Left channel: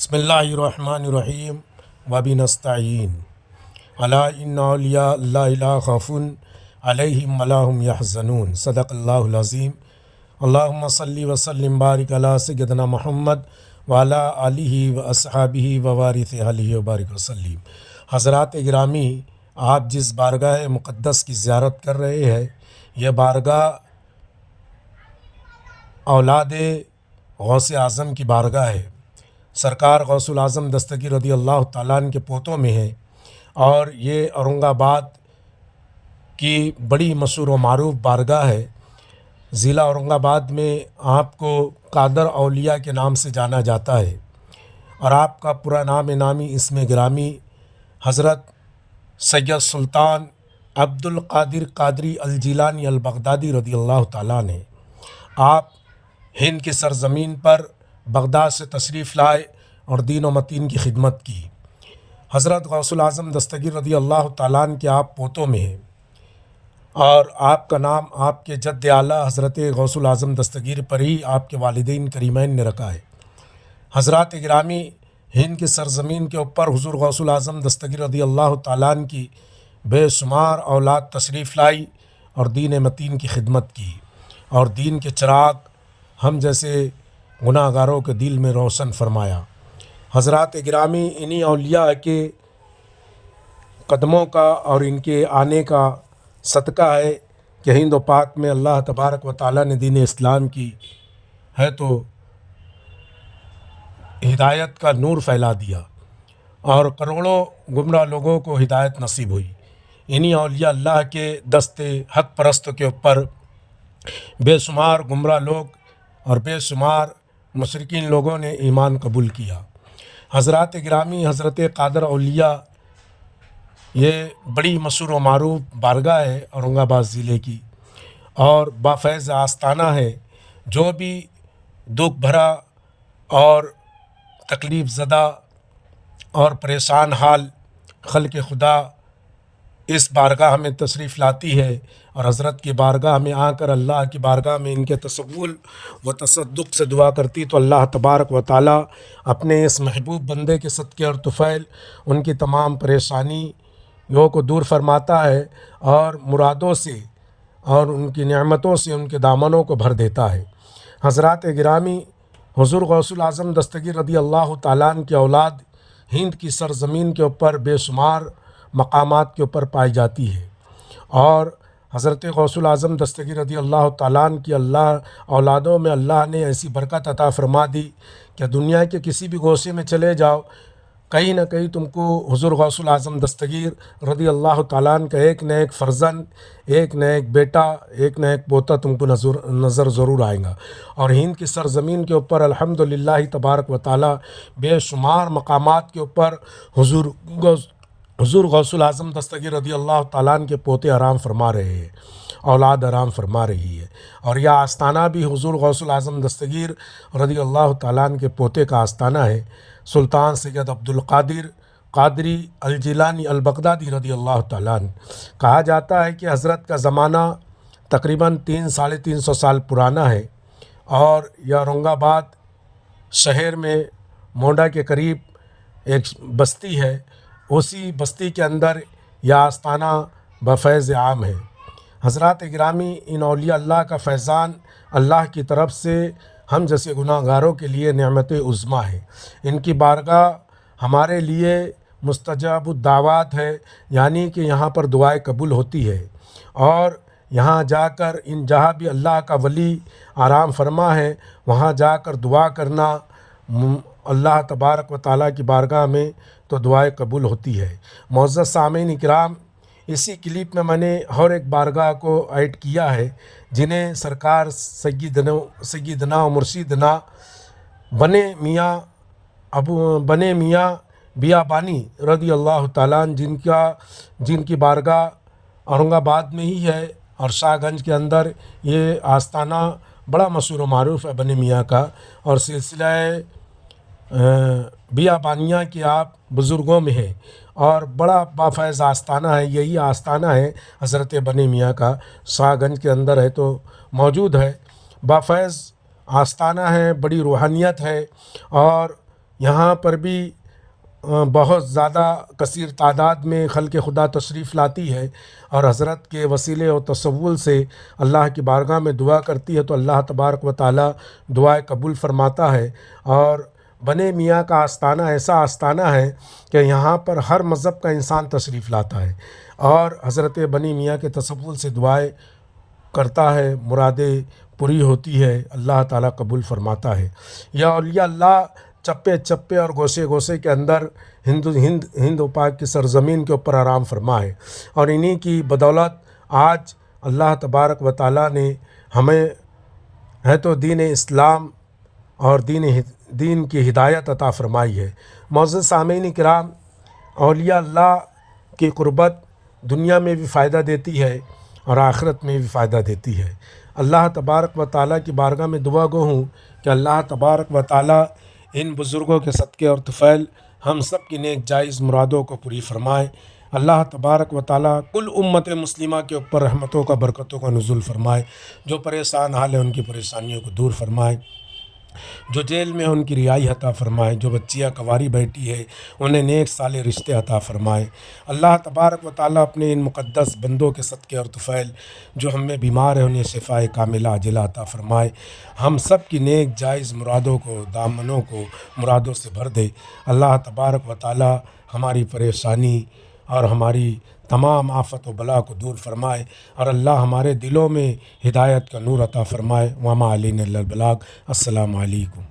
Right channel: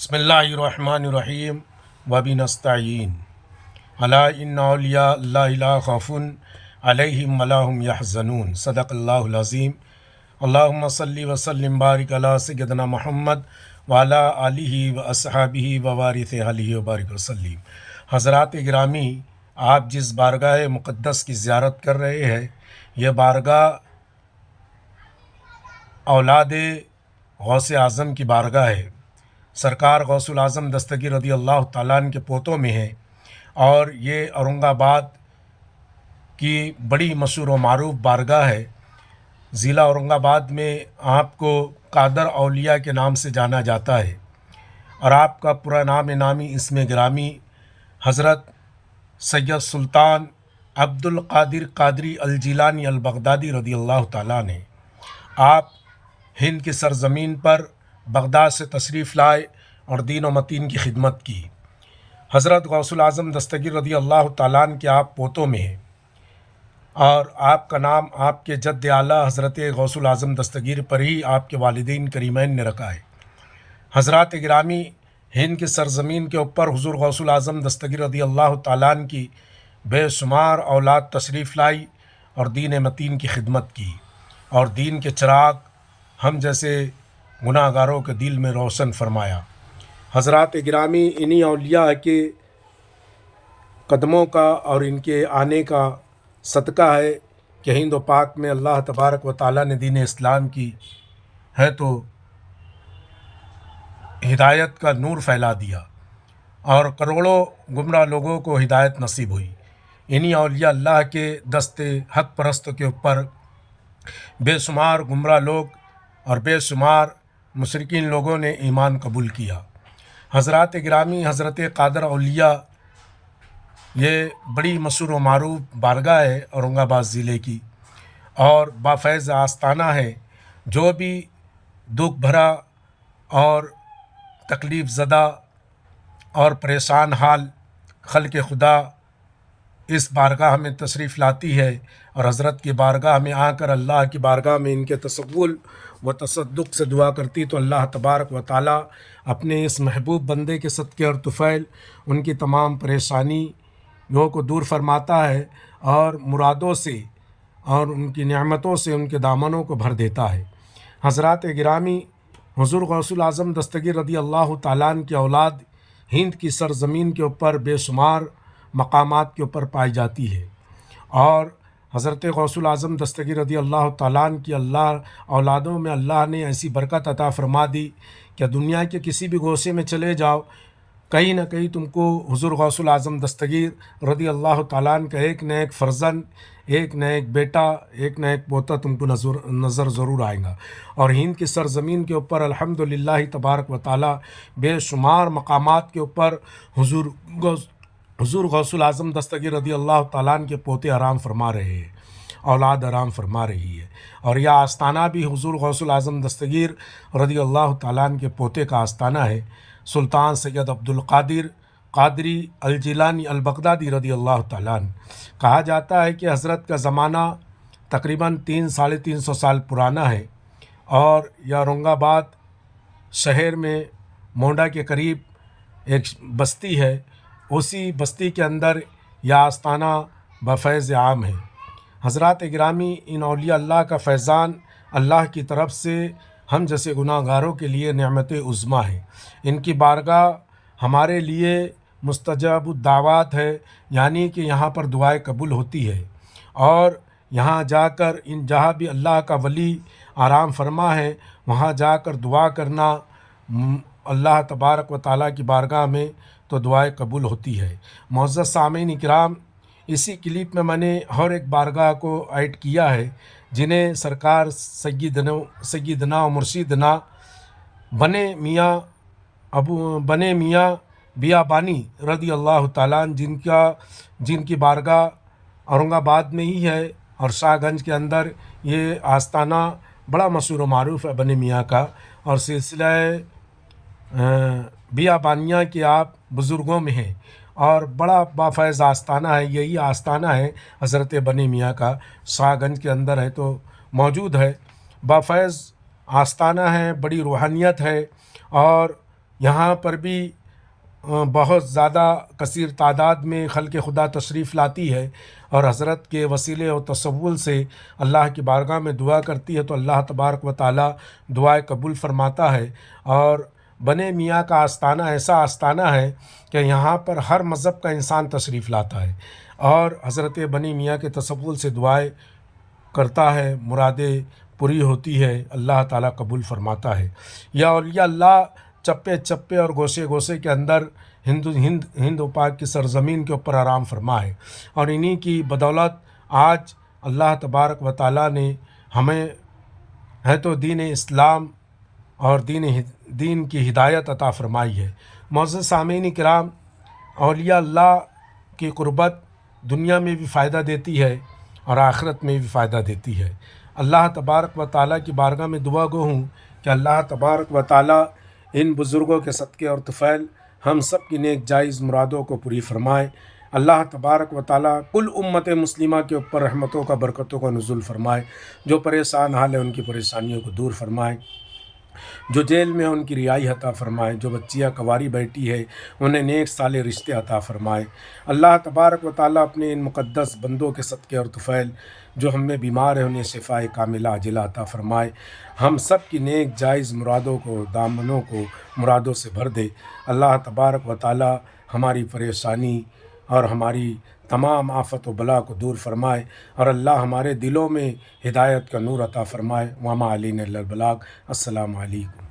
बिस्मिल्लाहिर्रहमानिर्रहीम वबिनस्तईन अला इन्ना औलिया अल्लाहि ला खौफुन अलैहिम वला हुम यहज़नून सदक़ल्लाहुल अज़ीम। अल्लाहुम्मा सल्लि व सल्लिम बारिक अला सय्यदिना मुहम्मद व अला आलिहि व अस्हाबिहि व वारिस अहलिहि व बारिक वसल्लिम। हज़रात गिरामी, आप जिस बारगाह मुक़द्दस की ज़ियारत कर रहे हैं, यह बारगाह औलाद गौसे आज़म की बारगाह है। सरकार गौसुल आज़म दस्तगीर रज़ी अल्लाह ताला अन्हु के पोतों में है और ये औरंगाबाद की बड़ी मशहूर व मारूफ बारगाह है। ज़िला औरंगाबाद में आपको कादर औलिया के नाम से जाना जाता है और आपका पूरा नाम नामी इसमें गिरामी हज़रत सैयद सुल्तान अब्दुल कादिर कादरी अल जिलानी अल बगदादी रज़ी अल्लाह ताला ने आप हिंद की सरज़मीन पर बगदाद से तशरीफ़ लाए और दीन व मतीन की खिदमत की। हज़रत गौसुल आज़म दस्तगीर रज़ी अल्लाह ताला अन्हु के आप पोतों में हैं और आपका नाम आपके जद्द आला हज़रत गौसुल आज़म दस्तगीर पर ही आपके वालिदैन करीमैन ने रखा है। हज़रात गिरामी, हिंद की सरज़मीन के ऊपर हुज़ूर गौसुल आज़म दस्तगीर रज़ी अल्लाह ताला अन्हु की बेशुमार औलाद तशरीफ़ लाई और दीन मतीन की खिदमत की और दीन के चिराग हम जैसे गुनाहगारों के दिल में रोशन फरमाया। हज़रात गिरामी, इन्हीं औलिया के कदमों का और इनके आने का सदका है कि हिंद व पाक में अल्लाह तबारक व ताला ने दीन इस्लाम की है तो हिदायत का नूर फैला दिया और करोड़ों गुमराह लोगों को हिदायत नसीब हुई। इन्हीं औलिया अल्लाह के दस्ते हक परस्तों के ऊपर बेशुमार गुमराह लोग और बेशुमार मुशरिकीन लोगों ने ईमान कबूल किया। हज़रात गिरामी, हज़रत कादर औलिया ये बड़ी मशहूर व मारूफ बारगाह है औरंगाबाद ज़िले की और बाफ़ैज़ आस्ताना है। जो भी दुख भरा और तकलीफ़ ज़दा और परेशान हाल खल्क़ खुदा इस बारगाह में तशरीफ़ लाती है और हज़रत की बारगाह में आकर अल्लाह की बारगाह में इनके तसव्वुल व तसद्दुक़ से दुआ करती तो अल्लाह तबारक व ताला अपने इस महबूब बंदे के सदक़े और तुफ़ैल उनकी तमाम परेशानियों को दूर फरमाता है और मुरादों से और उनकी नेमतों से उनके दामनों को भर देता है। हज़रात गिरामी, हुज़ूर गौसुल आज़म दस्तगीर रज़ी अल्लाह ताला अन्हु की औलाद हिंद की सरज़मीन के ऊपर बेशुमार मकामात के ऊपर पाई जाती है और हज़रत गौसुल आज़म दस्तगीर रज़ी अल्लाह ताला अन्हु की अल्लाह औलादों में अल्लाह ने ऐसी बरकत अता फ़रमा दी कि दुनिया के किसी भी गोशे में चले जाओ, कहीं ना कहीं तुमको हुज़ूर गौसुल आज़म दस्तगीर रज़ी अल्लाह ताला अन्हु का एक न एक फ़र्जंद, एक न एक बेटा, एक न एक पोता तुमको नज़र ज़रूर आएगा। और हिंद की सरज़मीन के ऊपर अल्हम्दुलिल्लाह तबारक व ताला बेशुमार मकामात के ऊपर हुज़ूर गौसुल आज़म दस्तगीर रज़ी अल्लाह ताला अन्हु के पोते आराम फरमा रहे हैं, औलाद आराम फरमा रही है। और यह आस्ताना भी हुज़ूर गौसुल आज़म दस्तगीर रज़ी अल्लाह ताला अन्हु के पोते का आस्ताना है। सुल्तान सैयद अब्दुल कादिर कादरी अल जिलानी अल बगदादी रज़ी अल्लाह ताला अन्हु। कहा जाता है कि हज़रत का ज़माना तकरीबन 300-350 साल पुराना है और यह औरंगाबाद शहर में मोंडा के करीब एक बस्ती है, उसी बस्ती के अंदर यह आस्ताना बफ़ैज़ आम है। हज़रात गिरामी, इन औलिया अल्लाह का फैज़ान अल्लाह की तरफ से हम जैसे गुनाहगारों के लिए नेमत उज़्मा है। इनकी बारगाह हमारे लिए मुस्तजाबुद दावात है, यानी कि यहाँ पर दुआएं कबूल होती है और यहाँ जाकर इन जहाँ भी अल्लाह का वली आराम फरमा है वहाँ जाकर दुआ करना अल्लाह तबारक व ताला की बारगाह में तो दुआएं कबूल होती है। मुअज़्ज़ज़ सामीन इकराम, इसी क्लिप में मैंने और एक बारगाह को ऐड किया है जिन्हें सरकार सय्यदना व मुर्शिदना बने मियाँ बियाबानी रज़ी अल्लाह ताला अन्हु जिनकी बारगाह औरंगाबाद में ही है और शाहगंज के अंदर ये आस्ताना बड़ा मशहूर व मारूफ है बने मियाँ का और सिलसिला बियाबानिया के आप बुज़ुर्गों में है और बड़ा बाफ़ैज़ आस्ताना है। यही आस्ताना है हज़रत बने मियाँ का, शाहगंज के अंदर है तो मौजूद है। बाफ़ैज़ आस्ताना है, बड़ी रूहानियत है और یہاں پر بھی بہت زیادہ کثیر تعداد میں خلق خدا تشریف لاتی ہے اور حضرت کے وسیلے اور تصول سے اللہ کی بارگاہ میں دعا کرتی ہے، تو اللہ تبارک و تعالی دعائیں قبول فرماتا ہے۔ اور بنے میاں کا آستانہ ایسا آستانہ ہے کہ یہاں پر ہر مذہب کا انسان تشریف لاتا ہے اور حضرت بنی میاں کے تصول سے دعائیں کرتا ہے، مرادیں پوری ہوتی ہے، اللہ تعالیٰ قبول فرماتا ہے۔ یا اولیاء اللہ چپے چپے اور گوشے گوشے کے اندر ہند و پاک کی سرزمین کے اوپر آرام فرما ہے، اور انہی کی بدولت آج اللہ تبارک و تعالیٰ نے ہمیں ہے تو دین اسلام اور دین کی ہدایت عطا فرمائی ہے۔ معزز سامعین کرام، اولیاء اللہ کی قربت دنیا میں بھی فائدہ دیتی ہے اور آخرت میں بھی فائدہ دیتی ہے۔ اللہ تبارک و تعالیٰ کی بارگاہ میں دعا گو ہوں کہ اللہ تبارک و تعالیٰ ان بزرگوں کے صدقے اور طفیل ہم سب کی نیک جائز مرادوں کو پوری فرمائے۔ اللہ تبارک و تعالیٰ کل امت مسلمہ کے اوپر رحمتوں کا برکتوں کا نزول فرمائے، جو پریشان حال ہے ان کی پریشانیوں کو دور فرمائے، جو جیل میں ان کی رہائی عطا فرمائے، جو بچیاں کواری بیٹھی ہے انہیں نیک صالح رشتے عطا فرمائے۔ اللہ تبارک و تعالیٰ اپنے ان مقدس بندوں کے صدقے اور طفیل جو ہم میں بیمار ہیں انہیں شفائے کاملہ عاجلہ عطا فرمائے، ہم سب کی نیک جائز مرادوں کو، دامنوں کو مرادوں سے بھر دے۔ اللہ تبارک و تعالیٰ ہماری پریشانی اور ہماری تمام آفت و بلا کو دور فرمائے، اور اللہ ہمارے دلوں میں ہدایت کا نور عطا فرمائے۔ وما علینا الا البلاغ۔ السلام علیکم۔